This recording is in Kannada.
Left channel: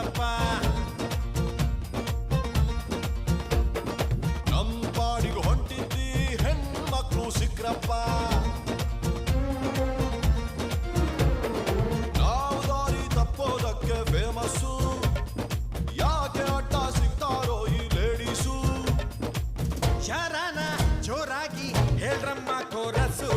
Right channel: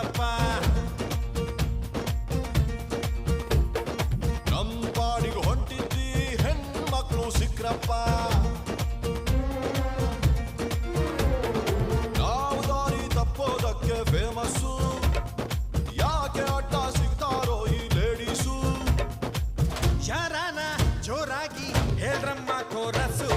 ಬಂತಪ್ಪ. ನಮ್ ಪಾಡಿಗೆ ಹೊಂಟಿದ್ದಿ ಹೆಣ್ಮಕ್ಳು ಸಿಕ್ರಪ್ಪ. ನಾವು ದಾರಿ ತಪ್ಪೋದಕ್ಕೆ ಫೇಮಸ್ಸು, ಯಾಕೆ ಅಡ್ಡ ಸಿಗ್ತಾರೋ ಈ ಲೇಡೀಸು. ಯಾರಾನ ಜೋರಾಗಿ ಹೇಳ್ರಮ್ಮ ಕೋರಸು.